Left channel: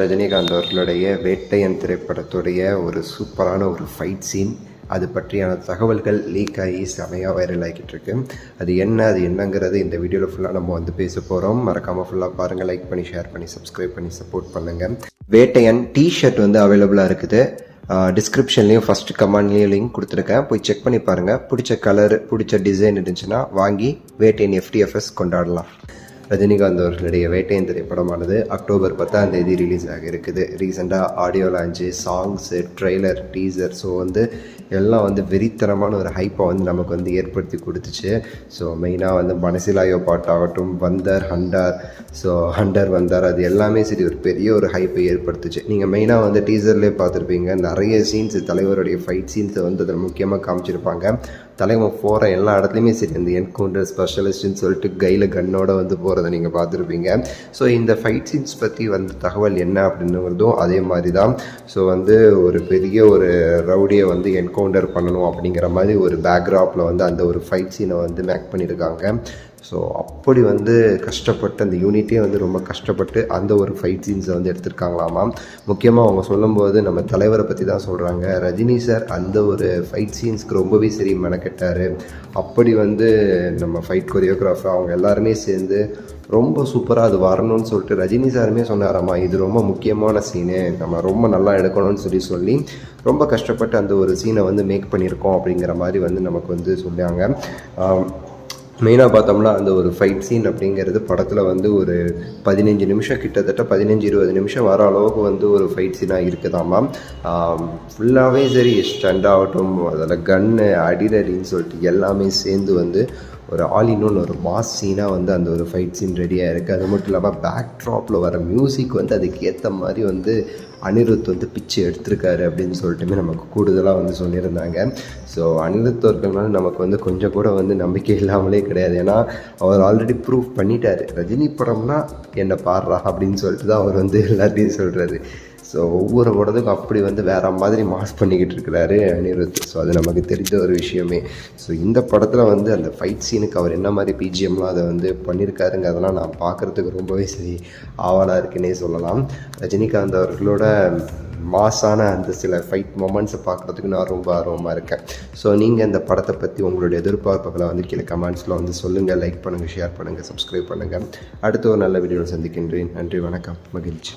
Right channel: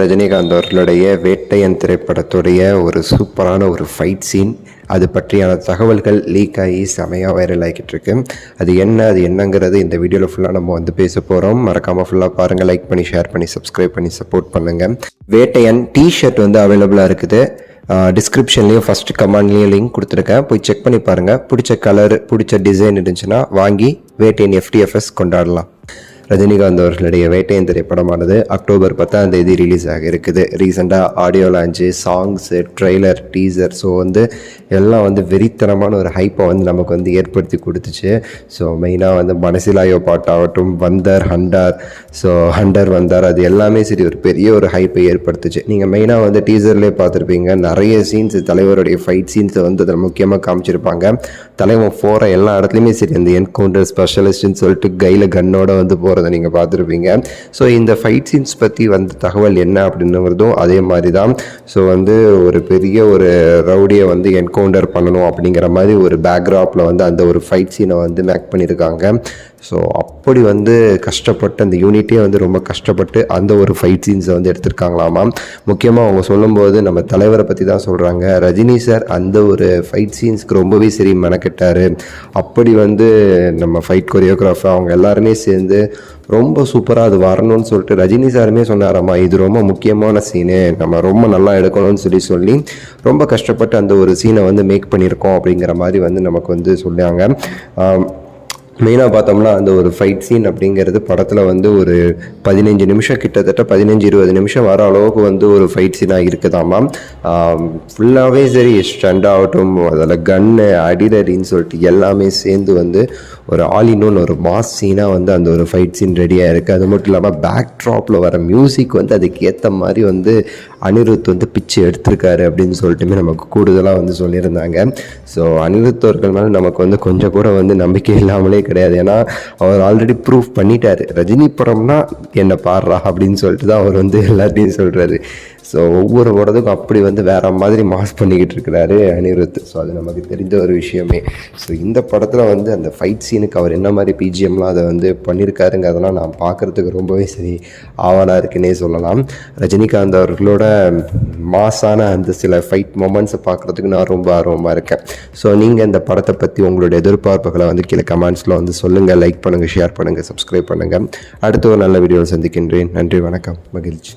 ரஜினிகாந்த் அவர்களுடைய வேட்டையன் திரைப்படத்துடைய ஒரு சூப்பரான ஒரு ஃபைட் சீன், அது பற்றியான தகவல்கள் லீக் ஆகி செமையாக வைரல் ஆகிக்கிட்டு இருக்கு. அது என்னங்கிறது இந்த வீடியோவில் ஃபுல்லாக நம்ம வந்து பேச போகிறோம். மறக்காமல் ஃபுல்லாக பாருங்கள், லைக் பண்ணி ஷேர் பண்ணி சப்ஸ்கிரைப் பண்ணி சப்போர்ட் பண்ணுங்கள். வேட்டையன் டிஷர்ட் வந்து அவைலபிளாக இருக்குது. டிஸ்கிரிப்ஷன்லேயும் ஃபஸ்ட்டு கமெண்ட்லேயும் லிங்க் கொடுத்துருக்கேன், போய் செக் பண்ணி பாருங்கள். பிடிச்ச கலர் பிடிச்ச டிசைன் இருந்துச்சுன்னா வாங்கி வேட்டையன் FTFS கொண்டாடலாம். ரஜினிகாந்த் அவர்களுடைய வேட்டையன் திரைப்படமானது அக்டோபர் 10 ரிலீஸ் ஆக இருக்குது. ரீசெண்டாக audio launch, songs, trailer, teaser, so வந்து எல்லாம் வந்து வெறித்தனமான ஒரு ஹைப்பை வந்து நமக்கு வந்து ஏற்படுத்தி கொடுத்துச்சு. ஸோ மெயினாக வந்து மனசிலாயோ பாட்டாகட்டும், வந்தார் ஹண்டர் வந்தார், அது எல்லாமே சரி ஒரு பெரிய ஒரு ஹைப்பை ஏற்படுத்துச்சு. நீங்கள் மெயினாக வந்து டீசர்லேயே பார்த்துருப்பீங்க, நிறைய சீன்ஸ் தலைவருடைய ஃபைட் சீன்ஸை வந்து அதில் முக்கியமாக காமிச்சிருப்பாங்க. தலைவன் போகிற எல்லா இடத்துலையுமே சரி அந்த என்கவுண்டர் ஸ்பெஷலிஸ்ட்னு சொல்லிட்டு கையில் கன்னோட வந்து போகிறத நீங்கள் பார்த்துருப்பீங்க. ஸோ இந்த ஃபைட் சீன்ஸ் பற்றி வந்து தகவல் என்ன அப்படின்னுறதும் அதே மாதிரி தான். ஸோ வந்து ஒரு பெரிய ஒரு ரவுடியை வந்து என்கவுண்டர் பண்ணணும் அப்படிங்கிற மாதிரி ஒரு பேக்ராப்பில் வந்து அந்த ஒரு ஃபைட் சீனை வந்து மேக் பண்ணியிருக்காங்க. ஸோ அப்படி வந்து கஷ்டப்பட்டு அந்த யூனிட்டே வந்து ரொம்ப கஷ்டப்பட்டு அந்த ஒரு ஃபைட் சீன்ஸை வந்து எடுத்திருக்காங்களாமா. முக்கியமாக அவங்க சொல்லும்போது நம்ம தலைவரை பற்றி தான் சொல்கிறாங்க. ரஜினி சார் அந்த ஒரு ஃபைட் சீன்ஸ்க்கு ரொம்பவே சரி மெனக்கெட்டார். அப்படி வந்து நம்ம ஃபைட் கொரியோகிராஃபர் அவங்க எல்லாருமே சேர்ந்து ரொம்ப சூப்பராக அது வரணும்னு சொல்லிட்டு ரஜினி சாருமே சொன்னாராம்மா, இது ரொம்ப முக்கியமான சீனு, நம்ம ரொம்ப நல்லா எடுக்கணும்னு சொல்லி ரொம்ப கஷ்டப்பட்டு அந்த ஒரு சீனை வந்து மேக் பண்ணியிருக்கோம் அப்படிங்கிற மாதிரி வந்து நமக்கு வந்து சொன்னாங்க. மெயினாக பார்த்தோம்னா அந்த ஒரு ஃபைட் சீன் அப்படிங்கிறது படத்தில் வந்து ஒரு 15 நிமிஷம், கிட்டத்தட்ட 15-20 நிமிஷம் வர அளவுக்கு வந்து ஒரு ஃபைட் சீனாக இருக்குதாமா. ஃபுல்லாகவே சரி ஸ்டண்ட் ஆகட்டும், அதில் கன்னு அடின்னு சொல்லிட்டு எல்லாமே சேர்ந்து வந்து ஒரு ஆலினோன்னு ஒரு மாஸ் சீனாக வந்து அந்த ஒரு ஃபைட் சீன் ரெடியாக இருக்குது. அது மட்டும் இல்லாமல் பேக் ட்ராப்பில் வர மியூசிக் வந்து அதுக்கு ஏற்ற மாதிரி வந்து அனிருத் வந்து பிச்சு எடுத்திருக்காரு அப்படின்னு சொல்லிட்டுமே நமக்கு கூடுதலாக வந்து சொல்லியிருந்தாங்க. ஸோ அனிருத் அவர்கள் மேலே நமக்கு வந்து கொஞ்சம் கூட வந்து நம்பிக்கை இல்லாமலே கிடையாது. ஏன்னா அவர் ஆல்ரெடி ப்ரூவ் பண்ணிட்டார், ரஜினி படம்னா என்ன பாடுறா அப்படின்னு சொல்லிட்டு தான் அவர் வந்து எல்லாத்தையும் சொல்கிறாரு. ஸோ ஒவ்வொரு படத்துக்கும் அப்படி வந்து வேறு மாதிரி மாஸ் பண்ணிக்கிட்டு இருக்கிறாரு அனிருத். ஸோ அது நமக்கு தெரிஞ்ச ஒரு விஷயமே. ஸோ இந்த படத்தில் வந்து அந்த ஃபைட் சீனுக்கு அவர் என்ன மாதிரி பிஜிஎம்லாம் அதை வந்து பண்ணியிருக்காருங்க, அதெல்லாம் நான் பார்க்குறதுக்கு ரொம்பவே சரி ஆவலாக இருக்குன்னே சொல்லலாம். ரஜினிகாந்த் அவர்களோட மாஸான அந்த சில ஃபைட் மொமெண்ட்ஸை பார்க்குறதுக்கு நான் ரொம்ப ஆர்வமாக இருக்கேன். ஸோ நீங்கள் இந்த படத்தை பற்றி உங்களுடைய எதிர்பார்ப்புகளை வந்து கீழே கமெண்ட்ஸில் வந்து சொல்லுங்கள். லைக் பண்ணுங்கள், ஷேர் பண்ணுங்கள், சப்ஸ்கிரைப் பண்ணுங்கள். அடுத்த ஒரு நல்ல வீடியோவில் சந்திக்கின்றேன். நன்றி, வணக்கம், மகிழ்ச்சி.